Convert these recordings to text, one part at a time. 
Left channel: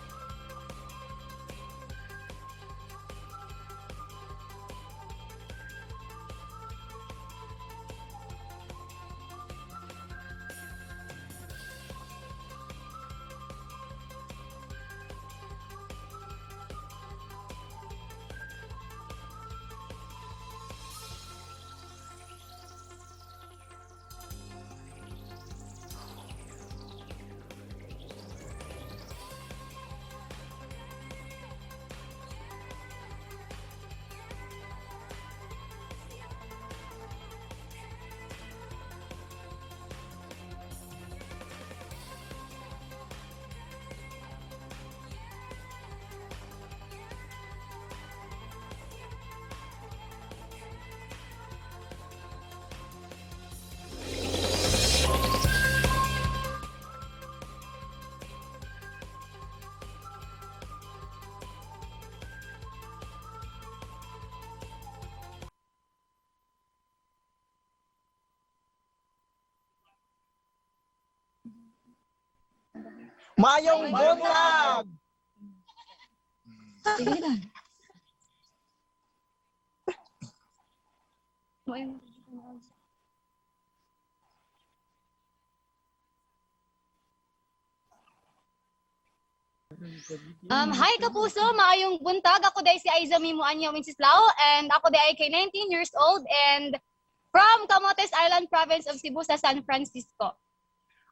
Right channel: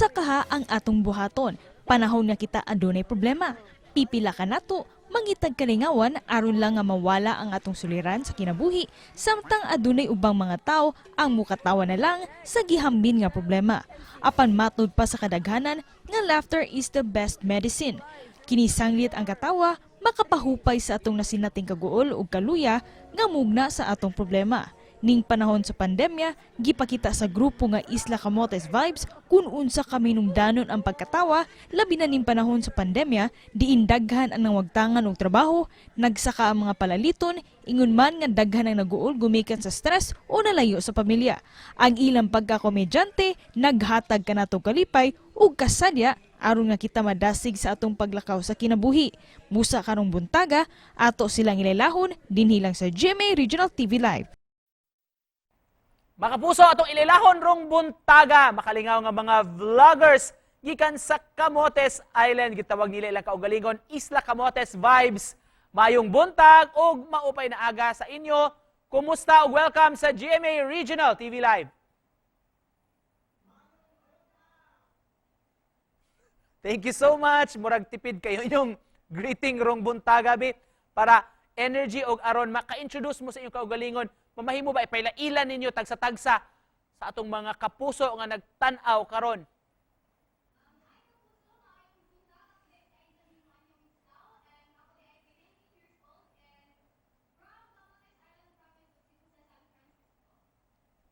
usa kaha ang atong buhaton. Panahon nga kita adunay problema. Pipila ka nato, mangitag kalingawan aron lang nga mawala ang atong suliran sa kinabuhi, samtang adunay ubang mga tao ang mukatawa na lang sa gihambin nga problema. Apan matod pa sa kadaghanan nga laughter is the best medicine. Kinisanglit ang katawa, makapahupay sa atong nasinating kaguol ug kaluya nga mugna sa atong problema. Ning panahon sa pandemya, gipakita sa grupo nga Isla Camotes Vibes kung unsa kami nungdanon ang pagkatawa, labi na ning panahon sa pandemya, diin daghan ang nawagtangan og trabaho, nagsaka ang mga palaliton, ingon man nga daghan ang naguol gumikan sa stress o nalayo sa pamilya. Ang ilang pagkakomedyante, naghatag kanato kalipay ug kasadya aron nga kita madasig sa atong paglakaw sa kinabuhi. Musa karong buntaga, ato silang ilailahon dinhi lang sa GMA Regional TV Live. Mga kapuso, atong ililahon rong buntaga, makalingaw nga mga vloggers gikan sa Camotes Island, gitawag nila ilang kaugalingon Isla Camotes Vibes. Mayong buntag ug maupay na aga sa inyo. Kumusta ug welcome sa GMA Regional TV Live. Mayong buntag! Thank you so much. Murag tipid kayo inyong greeting rong buntaga bit para energy og aron maka-introduce mo sa inyong kaugalingon. Mamahimo ba ipailailan ninyo tagsa-tagsa sa atong mga kapuso nga nagtan-aw karon? Hi kapuso, maayong buntag. Ako day si Aiza Mimuanya Wenceslao and ako day kay 19 years old and from Camotes Island Province of Cebu sa San Francisco.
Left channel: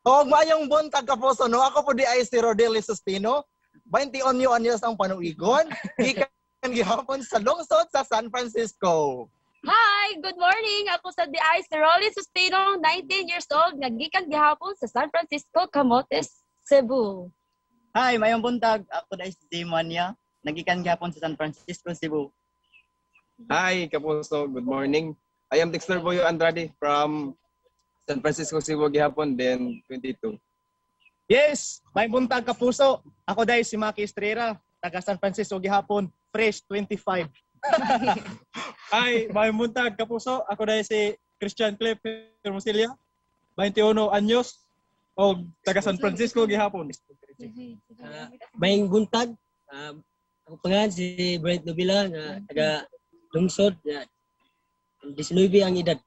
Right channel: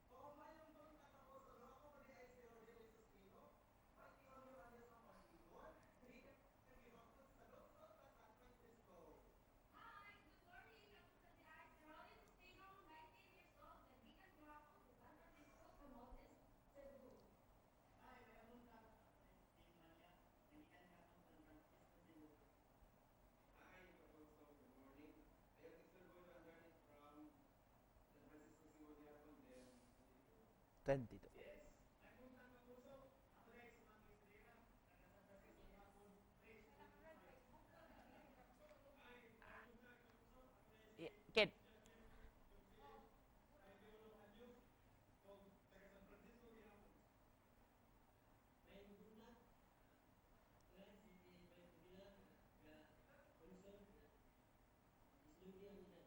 O mayong buntag kapuso, no? Ako po di ay si Rodel Sustino. 21 anyos ang panuigon. Gikan gihapon sa lungsod sa San Francisco. Hi, good morning. Ako sa DI si Rolly Sustino, 19 years old, naggikan gihapon sa San Francisco, Camotes, Cebu. Hi, mayong buntag. Ako dahil si Dimania. Nagikan gapon sa San Francisco, Cebu. Hi, Kapuso. Good morning. I am Dexter Boyo Andrade from San Francisco, Cebu, gihapon, then 22. Yes, may buntag Kapuso. Ako dahil si Maki Estrera, taga San Francisco gihapon, fresh 25. Hi, may buntag Kapuso. Ako dahil si Christian Cliff Hermosillo, 21 anyos, o taga San Francisco gihapon. Maying buntag, ako pangalan si Brent Nobila na taga lungsod, 19 ang edad.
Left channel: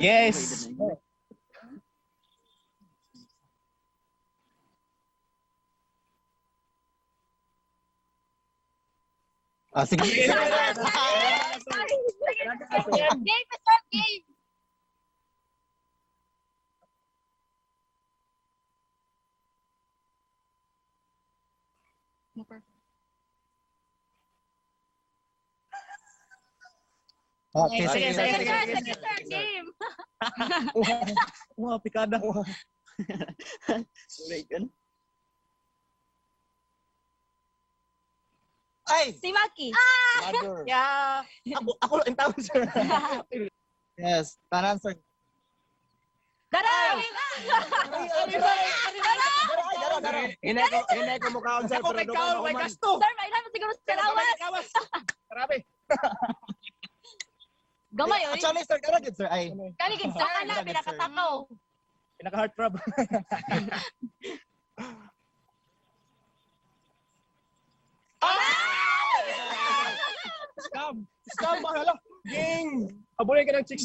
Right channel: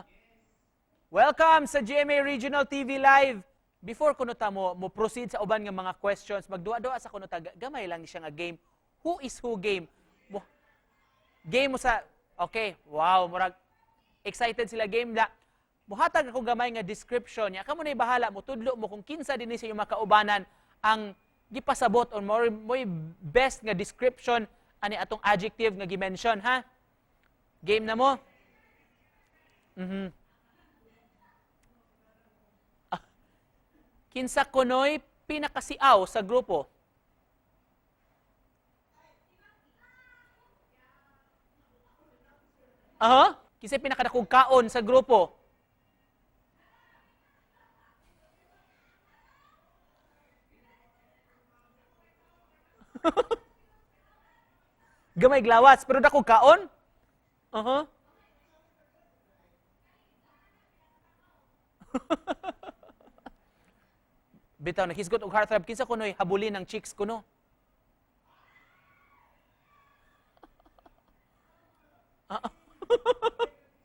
Yes. Welcome sa GMA Regional TV Live. Before kunuta mo proceed sa uban nga mga questions, magduwa-duwa sa kunuta, gamay lang siya nga game. Who is who game? Sige. Game mo sa... Okay, wow, murag excited sila game na. Muhatag ako gamay nga description niya. Kamo na bahala mo, tudlo mo kung kinsa din sa iyong makaubanan ang gipasabot or more best nga description ani atong adjective nga gi-mention, ha? Okay, Game sige, mo? sige. Game. Wow, pikada. Kinsa kunoy pinakasiaw sa grupo? Ay! Si Maki. Mother. Yeah. Ako ang tawag sir. Aha. Kinsa pinakadakong Yes, sa answer. grupo? Daray! Hinay ko mukhaon sir, Ako kay Kaol, may gasto. Daray naman siguro sa karawas. Gamay glawas, pero dakong kaon? Aha. Gamay, oy. Actually, sir, karagid, sir. Ay. Kaligid sa ana, pinakatakaw. Pinaka-heart throb. Bitaw nahisgot og heartthrob, kinsa kunoy habulin ng chicks kuno? Scam. Scam ba hala? Ging. Abulay ka ng chicks.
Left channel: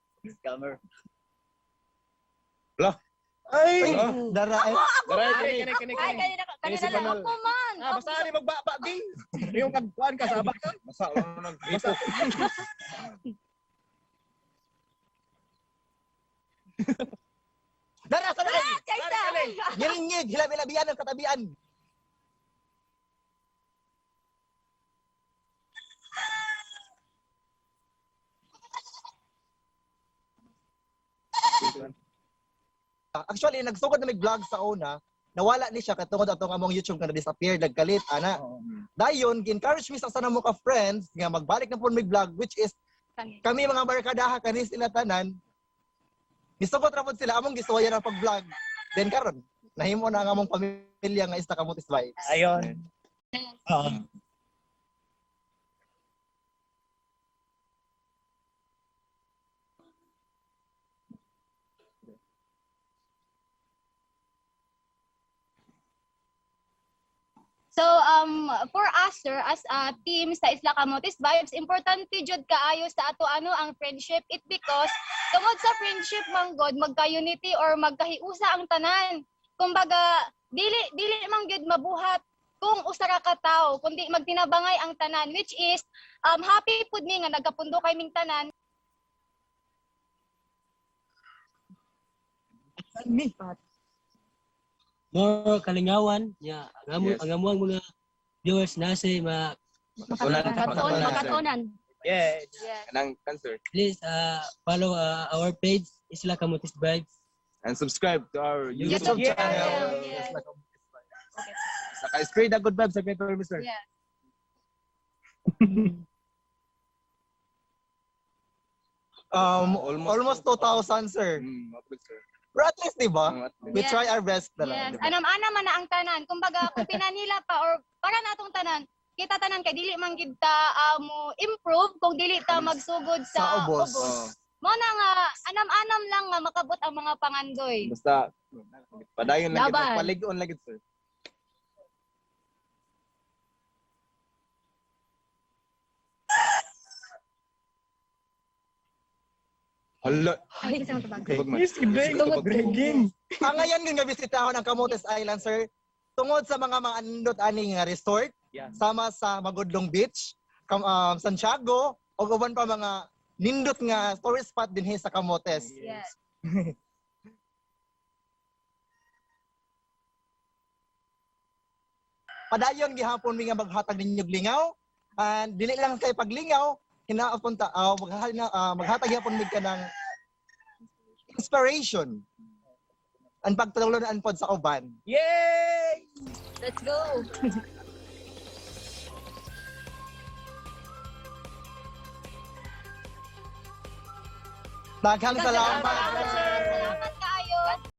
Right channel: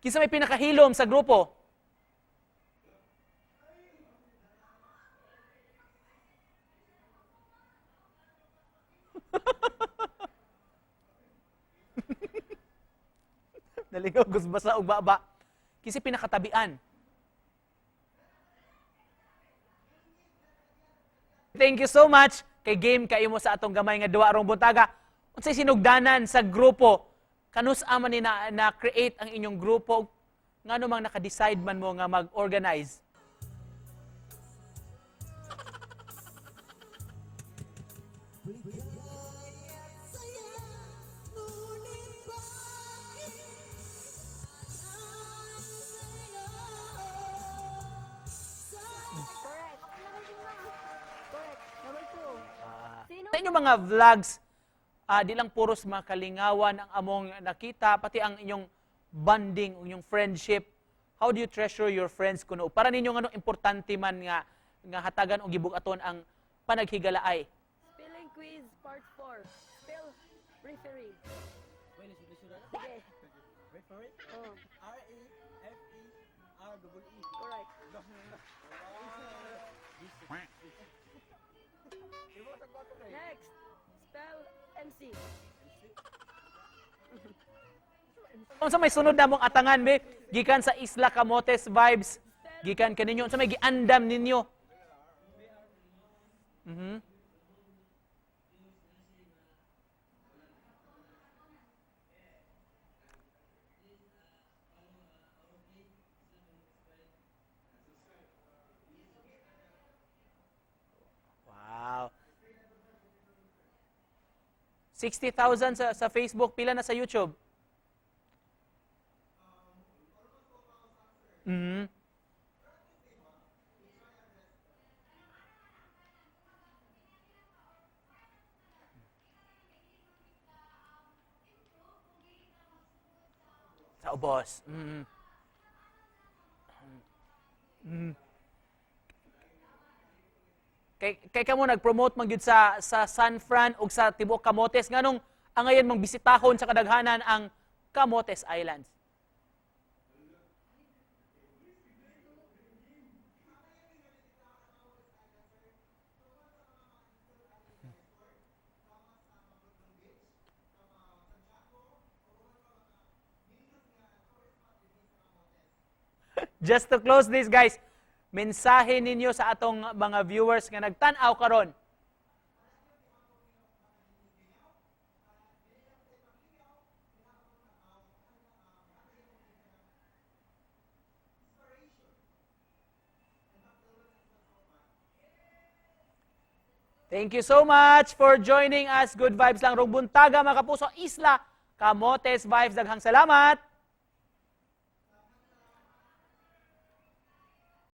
Kinsa may pinakahilom sa grupo? Ay. Dara, ay. Kani. Ay, kanina lang ako man. Basta ni magbaba ging. Yung kagpuan ka sa abak. Basta. Naligaw gus basa og baba. Kinsa pinakatabian? Dara, dara. Ngiringig, hilabi-labian ang katabian. Thank you so much kay game kayo mo sa atong gamay nga duwa rong buntaga. Unsay sinugdanan sa grupo? Kanus man ni na create ang inyong grupo? Ngano mang naka-decide man mo nga mag-organize? Actually, nagsugod na may vlog sa una. Nawala ni siya katungod atong among YouTube nga na-disappear, nagkalit, ana. Dayon, encourage mi sa sana mo ka friend nga magbalik na po may vlog, which is kami mga barkadaha kanis sila tanan. Gisugot ra pod sila among giswayan ang pag-vlog. Then karon, nahimo na ang among pamilya nga Isla Camotes Vibes. Ayun. Sa inyong mga vlogs, di lang puros makalingawan ang among nakita, pati ang inyong bonding, inyong friendship. How do you treasure your friends kuno? Para ninyo ano importante man nga nga hatagan og gibug-aton ang panaghigalaay? So, for us, sir, as a team sa Isla Camotes Vibes, importante jud kaayo sa ato ang friendship. It because tungod sa friendship manggod magka-unity or magkahiusa ang tanan. Kumbaga, dili man gyud mabuhat kung usa ra ka tawo, kundi magtinabangay ang tanan, which is happy pud mi nga nagkapundo kay ming tanan. Unsa may sunod na mong atangan be gikan sa Isla Camotes Vibes? Gikan kaninyo unsa may giandam ninyo? More kalingawan, Mhm. ang amuang mga viewers na si Makatonan. Yeah. Kanang cancer. please follow our page Isla Camotes Vibes. And subscribe to our YouTube YouTube channel. channel. Saka spread the good vibes sa Peter, Mr. Yeah. 60,000 sa Facebook, pila na sa YouTube? Almost 2,000, sir. Mhm. Pero at least, di ba? We Yes. try our best na Yes, lang. di ba? anam-anam man na ang tanan. Kumbaga, kung pinanila pa or para natong tanan, kita tanan kay dili man gid ta mo improve kung dili ta magsugod sa Sa ubos. Boss. Mo na nga anam-anam lang nga makabot ang mga pangandoy. Basta, padayon lang Laban. ito. Paligon lang ito, sir. Kay kamo nag-promote man gyud sa San Fran ug sa tibuok Camotes nganong angayon mang bisitahon sa kadaghanan ang Camotes Islands. Hala. Ay, isang tabag. Yes, breaking. Ang ngayon nga bisitahon ang Camotes Island, sir, tungod sa mga andot ani nga resort, Yeah. sama sa Magudlong Beach, Santiago, o uban pa mga nindot nga tourist spot dinhi sa Camotes. Yes. Just to close this, guys, mensahe ninyo sa atong mga viewers nga nagtan-aw karon. Padayon gihapon mi nga maghatag ninyo lingaw, and dili lang kay paglingaw, hinaapunta maghatag gyapon mi ka ng inspiration and pagtulunan pod sa uban. Yay! Let's go. Thank you so much for joining us. Good vibes lang rong buntaga mga kapuso, Isla Camotes Vibes. Daghang salamat. Daghang salamat. Salamat, sir. Salamat kaayo.